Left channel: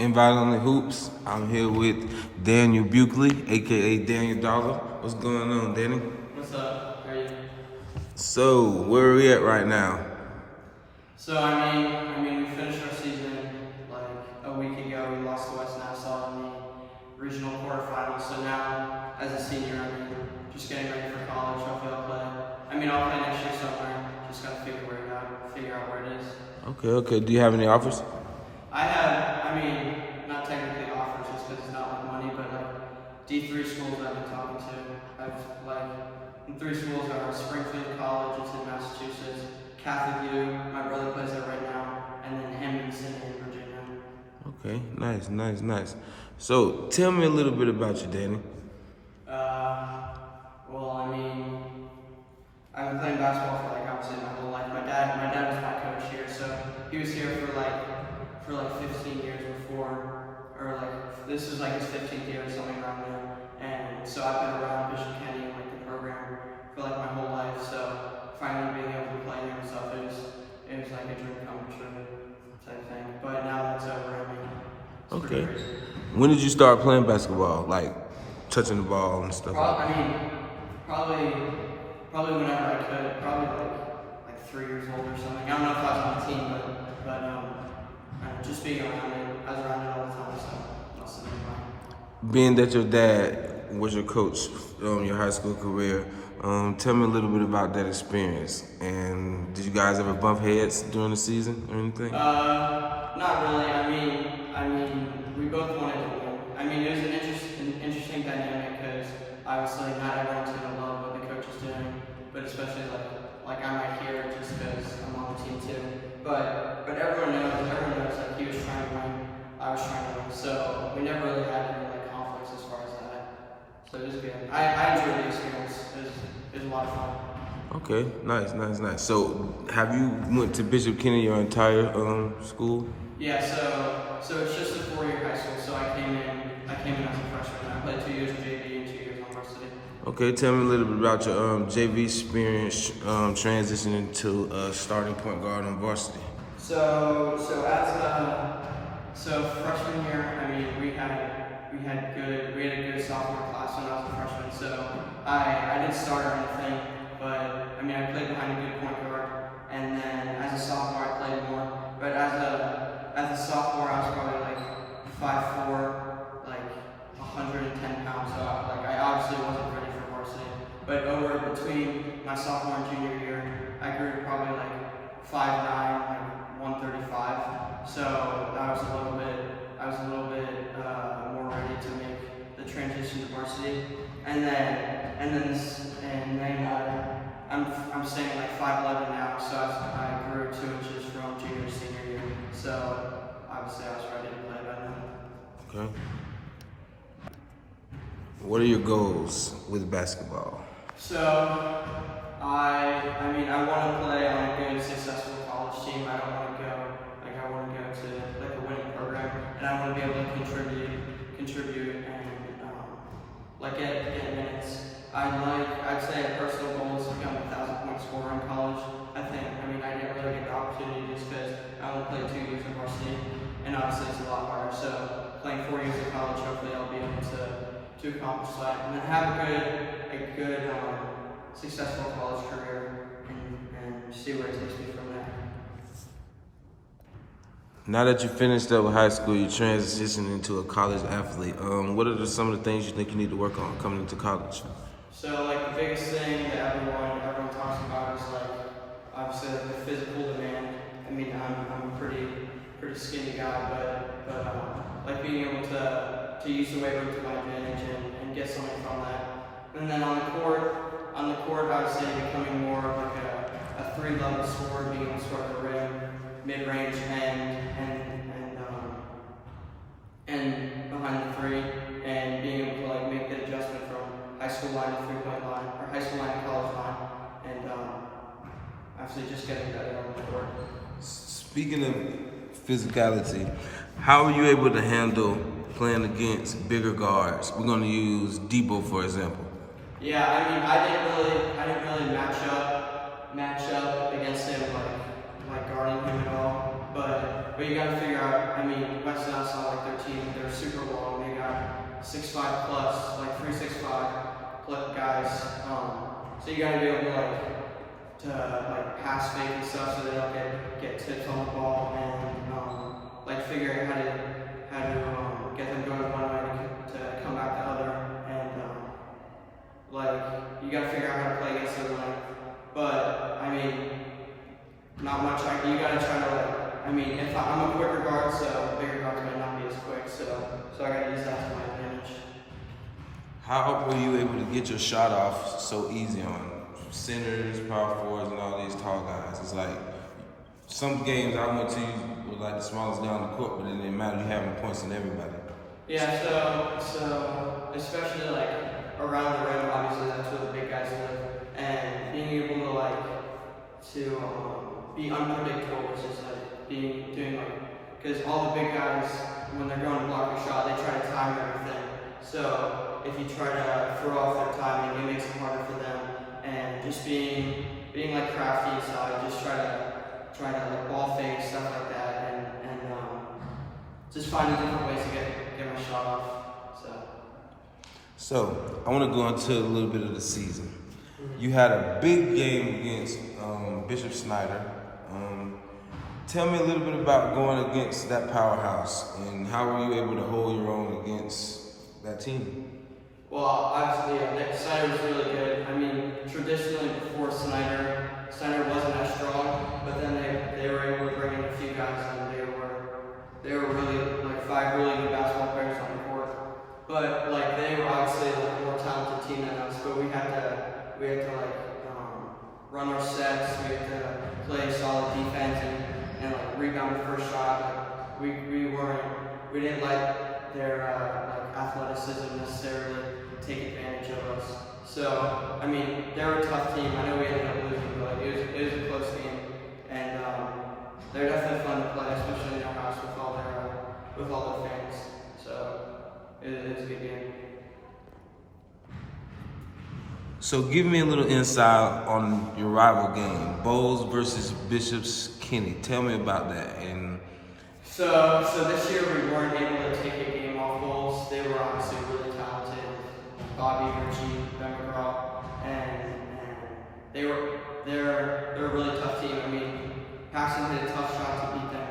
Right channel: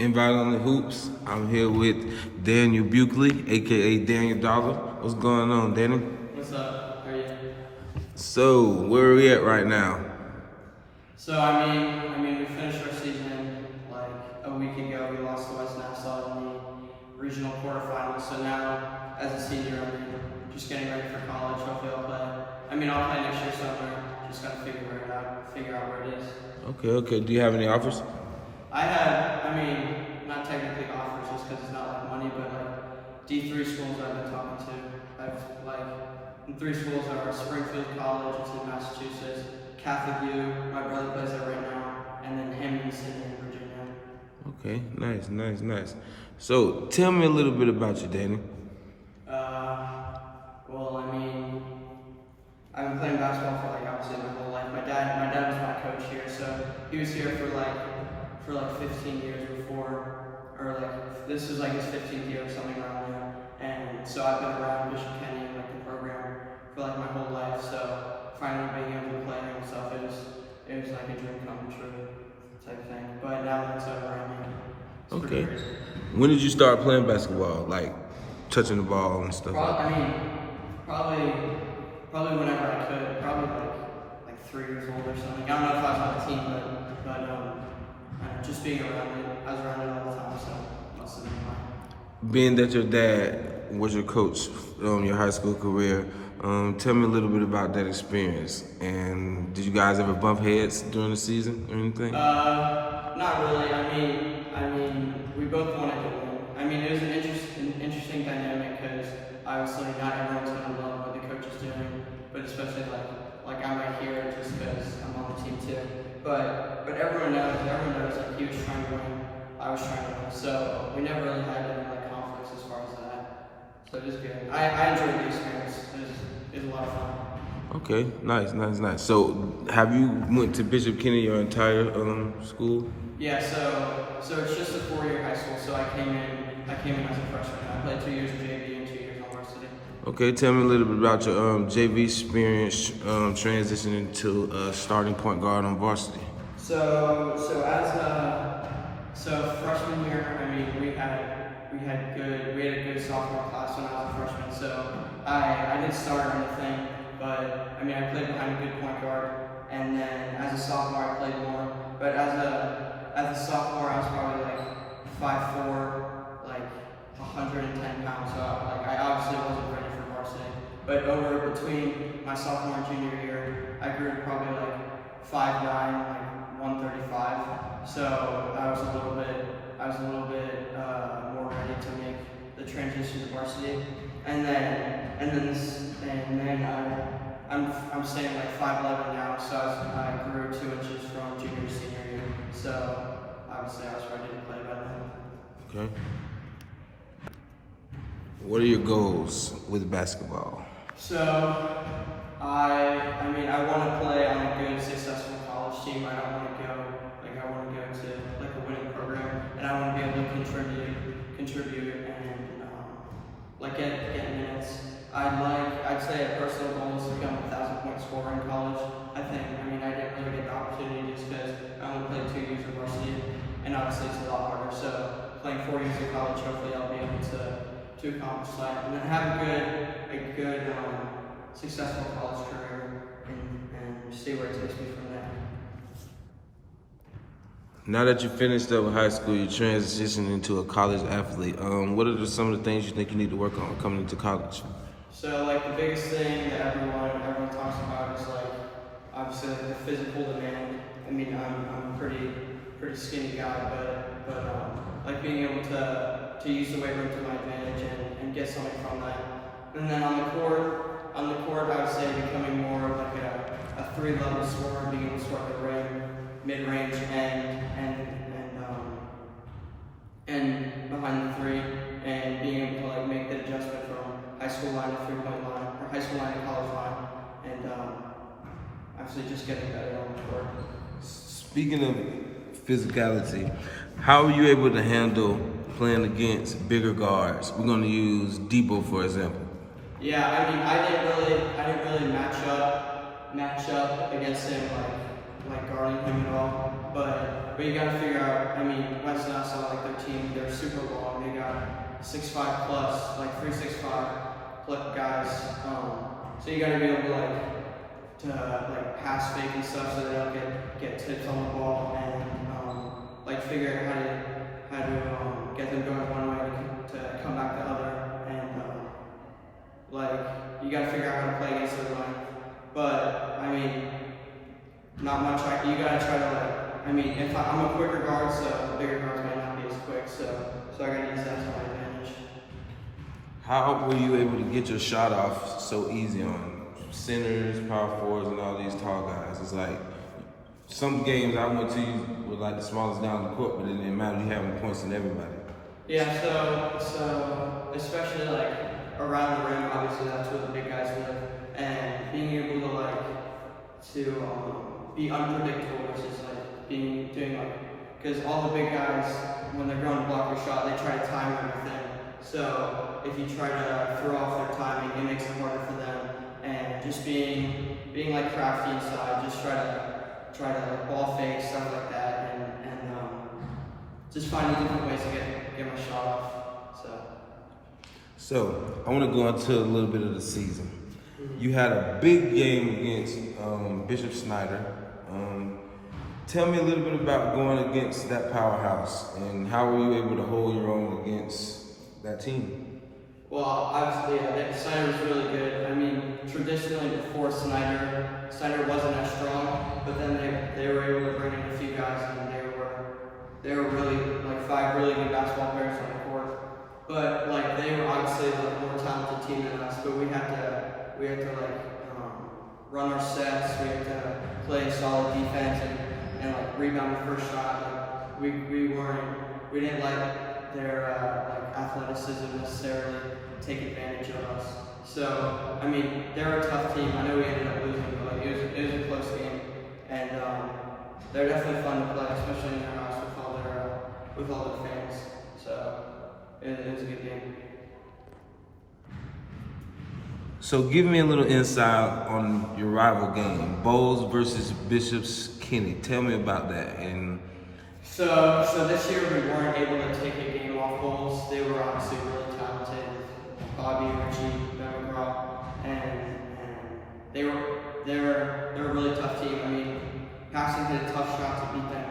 Invite on the Hoops. I'm here with Daniel Buckley, aka Daniel Dollar. What's going on, Danny? What's up? How are you? So, where are we at right now? So I mean, we finished our season like a week ago. We lost to West Nassau in the regional quarterfinals. So now, as a senior, I mean, just getting ready for college. Hopefully, I'll play. I'll play next year somewhere. Just gotta figure out where it is. Okay. Do you have any offers? Not technically offers just because it's not like money, but like D3 schools I've been talking to. I've like in 3 schools that are Springfield College, it's in Massachusetts, Catholic U, my brother plays there right now, and then Hampton City in Virginia. Okay, nice. So, tell me a little bit about you, Danny. I've been playing basketball for like obviously my whole life. My dad was my coach here, so he was here for like 15 years before, or like this is like his 15th year or something around there. And so I've been around Bishop Kenny and like the program for like my whole life. So finally being able to play there and stuff, it was like a dream come true type thing. But now that's over. It's pretty crazy. When did you start playing basketball? Like touching the ball and stuff like that? Probably whenever I could. Probably like 3 years old or something. I don't know if I was on the team, but just being around it, I was around it all the time, so must have been fun. Being that your dad was your coach your high school career, tell me a little bit about that experience. And did you guys ever bump heads during the season or anything? Not really. We both wanted to win. It was an interesting dynamic because obviously not everyone's going to love what the coach is doing, but especially like I might hear it just because I'm on the team too. But everyone knows like he was trying to win, I was trying to win. So we never really had any like conflicts as far as that. So it was good. I enjoyed the experience. It was a lot of fun. Okay, nice. So have you went to Bishop Kenny your entire school? Yeah, so it's just a 4-year high school. So I came in as a freshman. I played 2 years of JV and 2 years on varsity. Okay, tell me a little bit about your JV experience transitioning to starting point guard on varsity. So freshman year, we had a good sophomore class when I was a freshman. So I didn't start or anything, but I played behind a good point guard, and then as a sophomore I played more. But as a sophomore I was probably like 5'4", like 110 pounds. So I obviously wasn't ready for varsity. But between my sophomore and junior year, I grew to probably like 5'9", like 135. So I was a little bit more ready to make the transition to varsity. And then I'm staying like 5'11" now. So I grew 2 inches from junior to senior year. So obviously I was ready to play by then. Okay. What are your goals with basketball? So, I want to play on a good, successful college team. I want to go to like a winning program, and I want to be able to contribute, and get minutes. I'd say a personal goal is to become a 1,000-point scorer in college. I didn't really get the opportunity just because I only played 2 years of varsity, and obviously it's a lot harder. So playing 4 years of college, hopefully I'll be able to accomplish that, and then have a good successful college career, and see where it takes me from there. Now that you finished up with high school, you transitioned into a college athlete. What are some of the things you think you need to work on coming into college? So like the biggest thing that everyone talks about is like obviously like the physical demand. I'm a pretty skinny guy, but like being able to use the weight room to my advantage and get something from that. And then on the court I would say becoming more of like a 3-level scorer, being able to score at the rim, mid-range, and behind the 3, and being able to like make the adjustment from high school line to 3-point line, or high school line to college line, and obviously just getting better on the court. Speaking of physicality, how are you able to handle playing against bigger guards? We're going to use Debo for example. Yeah, I didn't really match up against him like guarding him at all. But you got to figure out. I mean, Weston, I saw like their team. They're super long. They got 6'5" plus, like 3-6-5 guys. So you got to be able to pass fake and stuff so they don't get tips on the ball and like figure out how to get them going one way to come back the other and like you got to figure out how to play against their length. But I mean, not much. You got to try to I mean, if I'm a quicker guard, so bigger guards might not be as quick. So I got to use that to my advantage. How were you able to get your shot off so easy on centers, power forwards, and all these tall guys? It's like some games I went to were like the smallest guy on the court, but it didn't matter. You having points in everybody. Yeah. So especially like around the rim, obviously that's where the big guys live, and being able to be unpredictable, which is like doing because all the big guys when they're going to block your shot, they try to time everything. So if you try to throw off their timing, it makes it harder for them. And just being like crafty inside, just try to like ball fake, stuff like that, and just finding different ways to get my shot off. So I want to go into a little bit of the season. You had a big game against Bishop Snyder. Tell me a little bit about going against that powerhouse and how were you able to hold your own against that team? Well, obviously, Snyder was really good. I mean, traditionally before Snyder wasn't as strong, but then they were able to bring in a few guys, and they were really like 5 really good basketball players on the court. But like they were obviously a more talented team than us, but we had to run our sets. We had to play solid defense and like rebound the first shot. Like we didn't let their athleticism necessarily take advantage of us. So I mean, they're a tough team. I know we ended up losing, but like it was a close game, and they're definitely fun to play, especially in their house with all their fans. So it was a good game. So give me a little insight on your rival game, Bowles versus Bishop's Kenny. Tell me about that. And so this year we weren't able to take a game off Bowles. They were obviously really talented, Bobby, Richie, Ben McGraw, and they're a really tough team. I mean, Paxton hit a tough shot to beat them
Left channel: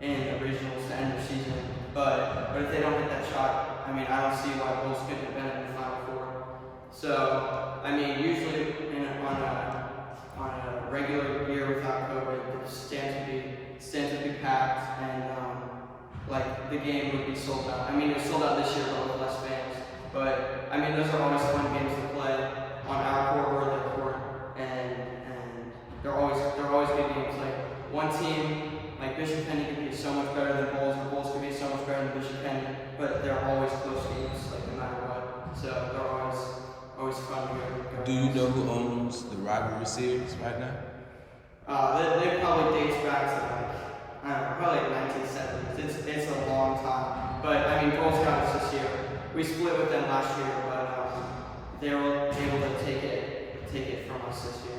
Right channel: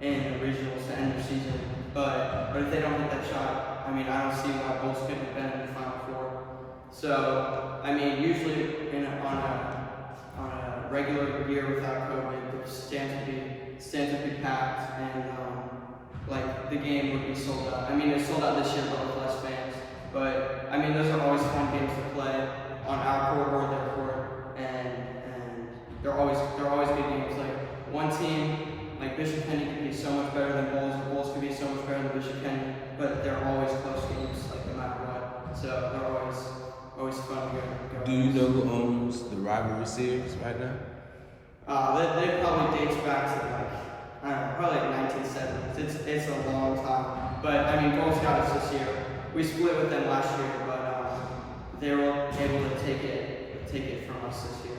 in the regionals to end the season. But if they don't hit that shot, I mean, I don't see why Bowles couldn't have been in the Final Four. So, I mean, usually on a regular year without COVID, the stands would be packed, and like the game would be sold out. I mean, it's sold out this year, but with less fans. But I mean, those are always fun games to play on our court or their court, and they're always good games. Like one team. Like Bishop Kenny could be so much better than Bowles, or Bowles could be so much better than Bishop Kenny, but they're always close games, like no matter what. So they're always fun to go. Do you know who owns the rivalry series right now? They probably dates back to I don't know, probably like 1970s. It's a long time, but I mean Bowles got us this year. We split with them last year, but they were able to take it from us this year.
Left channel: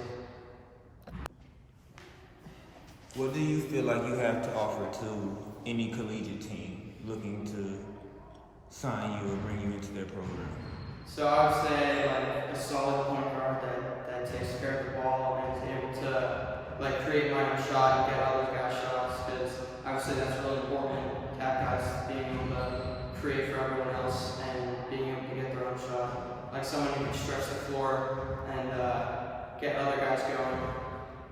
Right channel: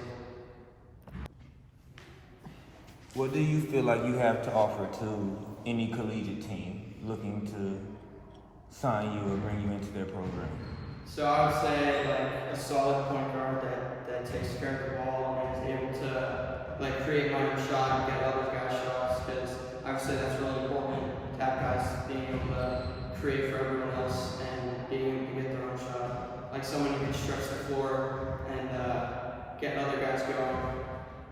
What do you feel like you have to offer to any collegiate team looking to sign you or bring you into their program? So I would say like a solid point guard that takes care of the ball and is able to like create my own shot and get other guys' shots, because I would say that's really important to have guys being able to create for everyone else and being able to get their own shot. Like someone who can stretch the floor and get other guys going.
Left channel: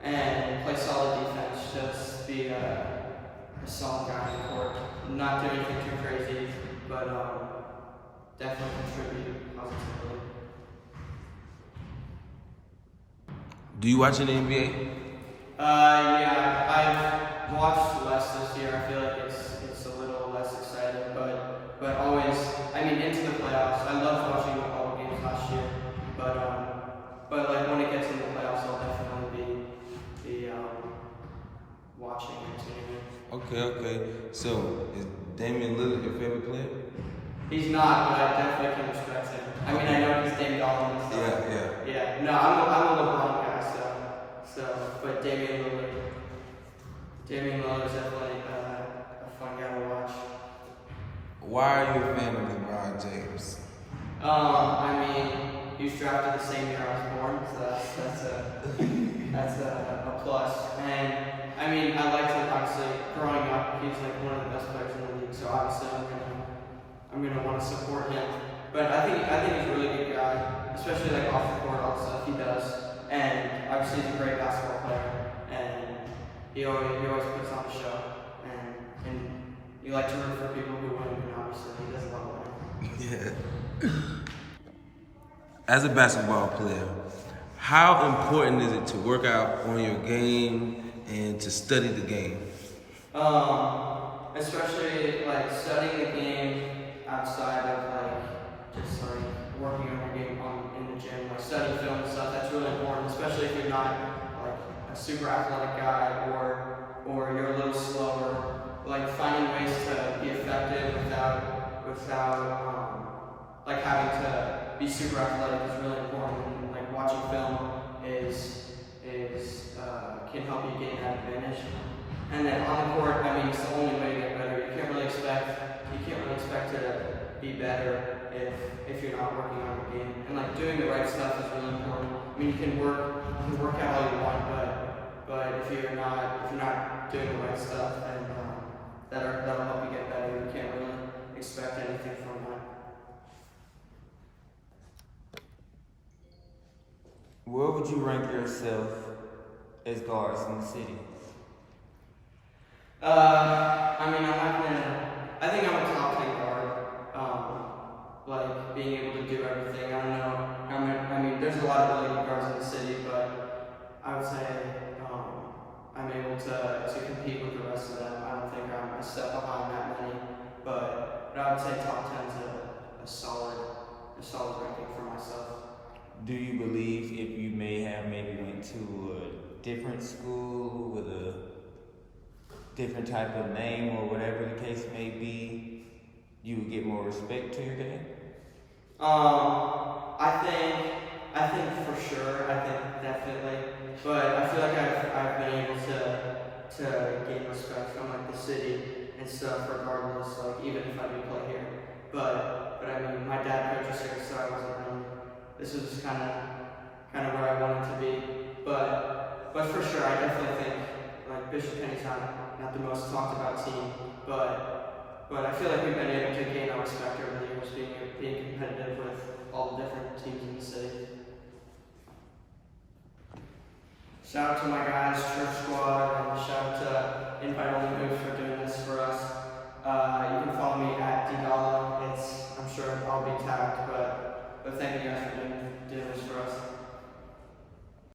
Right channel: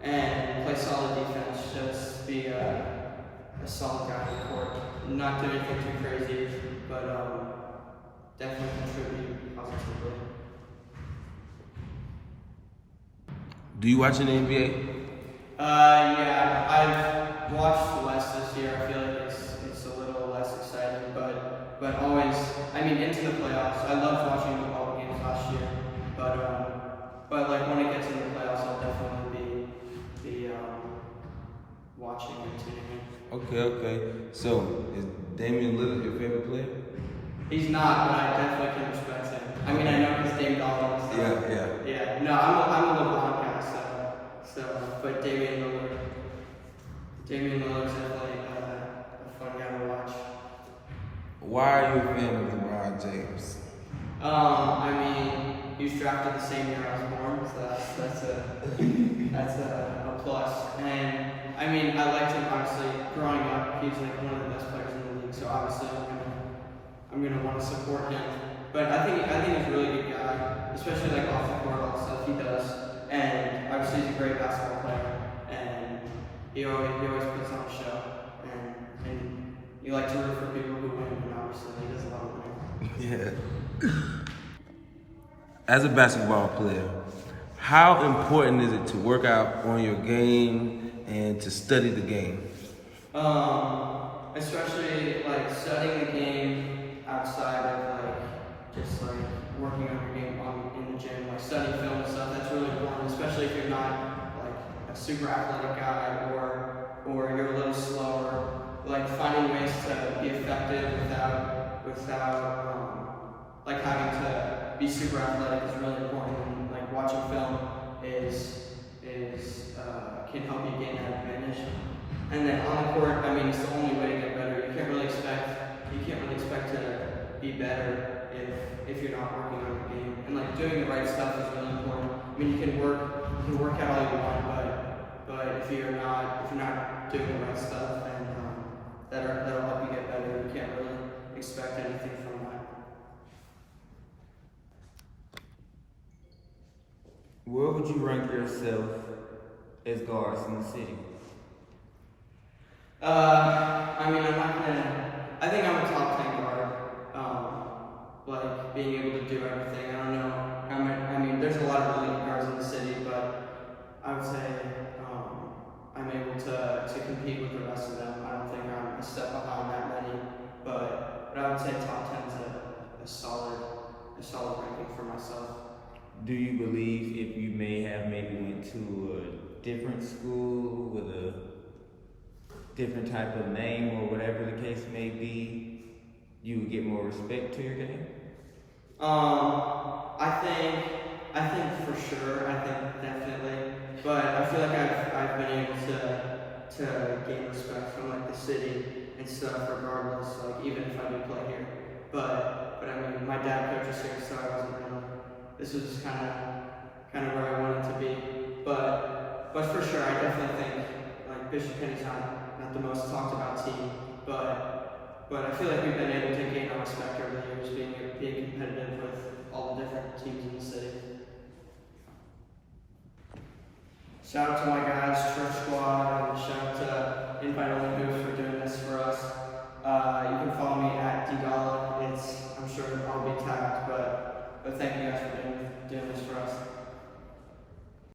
And play solid defense, just be a solid guy on the court. Not do anything too crazy, but definitely contribute positively. Do you watch any NBA? Yeah, I've watched less this year. I feel like it's a little less exciting, but always, I mean, into the playoffs. I loved watching the ball games last year, but like when it gets into the playoffs, I'll definitely be watching and tuning in. Okay. So is Damian Lillard your favorite player? He's not, but I definitely can respect him. I mean, I know he's Dame Dollars. So Yeah. yeah. No, I'm a LeBron guy, so but Damian Lillard is definitely a fun guy to watch. Why are you a fan of LeBron James? I mean, he was drafted the same year I was born, so that's a plus. And I mean, I liked him obviously growing up. He's like one of the best players in the league, so obviously I'm gonna want to support him. But I think he's a really good guy, especially like off the court, all the stuff he does. And obviously he's a great basketball player, and he always puts on a show. And you like to root for people who win, and obviously he does a lot of winning. Yeah. As a basketball player, how important is it to work out on your game and to study the game? Especially like studying the game outside of like just like working on your game in the gym, like studying film and stuff. That's really important, especially if you're not like a super athletic guy or you're a little slower. Like finding ways to be effective without like having to be super athletic is really important. And like watching film can help you gain that advantage. And then on the court, I mean, it's the only way to get better. You can't really expect to be better if you're not working on your game. And like doing the right stuff is really important. I mean, you can work out all you want, but if you're not doing the right stuff, then that'll help you get better. You can't really expect anything from that. Where would you rank yourself as guards in the city? I mean, I think I'm a top 10 guard. Like being able to do everything. I don't know how many. I mean, there's a lot of really good guards in the city, but I would say I'm able to compete with the rest of them. I don't think I'm a step behind that many, but I would say top 10 is a solid ranking for myself. Do you believe if you maybe went to a different school with a different type of name or whatever the case may be, you would get more respect to your game? I think for sure. I think definitely, but I feel like I've been able to gain respect from like the city and stuff, regardless. Like even if I do play here, but I mean, my dad coaches here, so I wasn't really. This was just kind of where I wanted to be, but for sure, I definitely think like Bishop Kenny's not the most talked about team, but I feel like we've been able to gain our respect over the years, being competitive with all the different teams in the city. Shout out to my guys, Church Squad, and shout out to Invite Only Hoops for doing this for us. You can follow me at @DGala. I'm sure I'll be tagged, but thank you guys for doing this for us.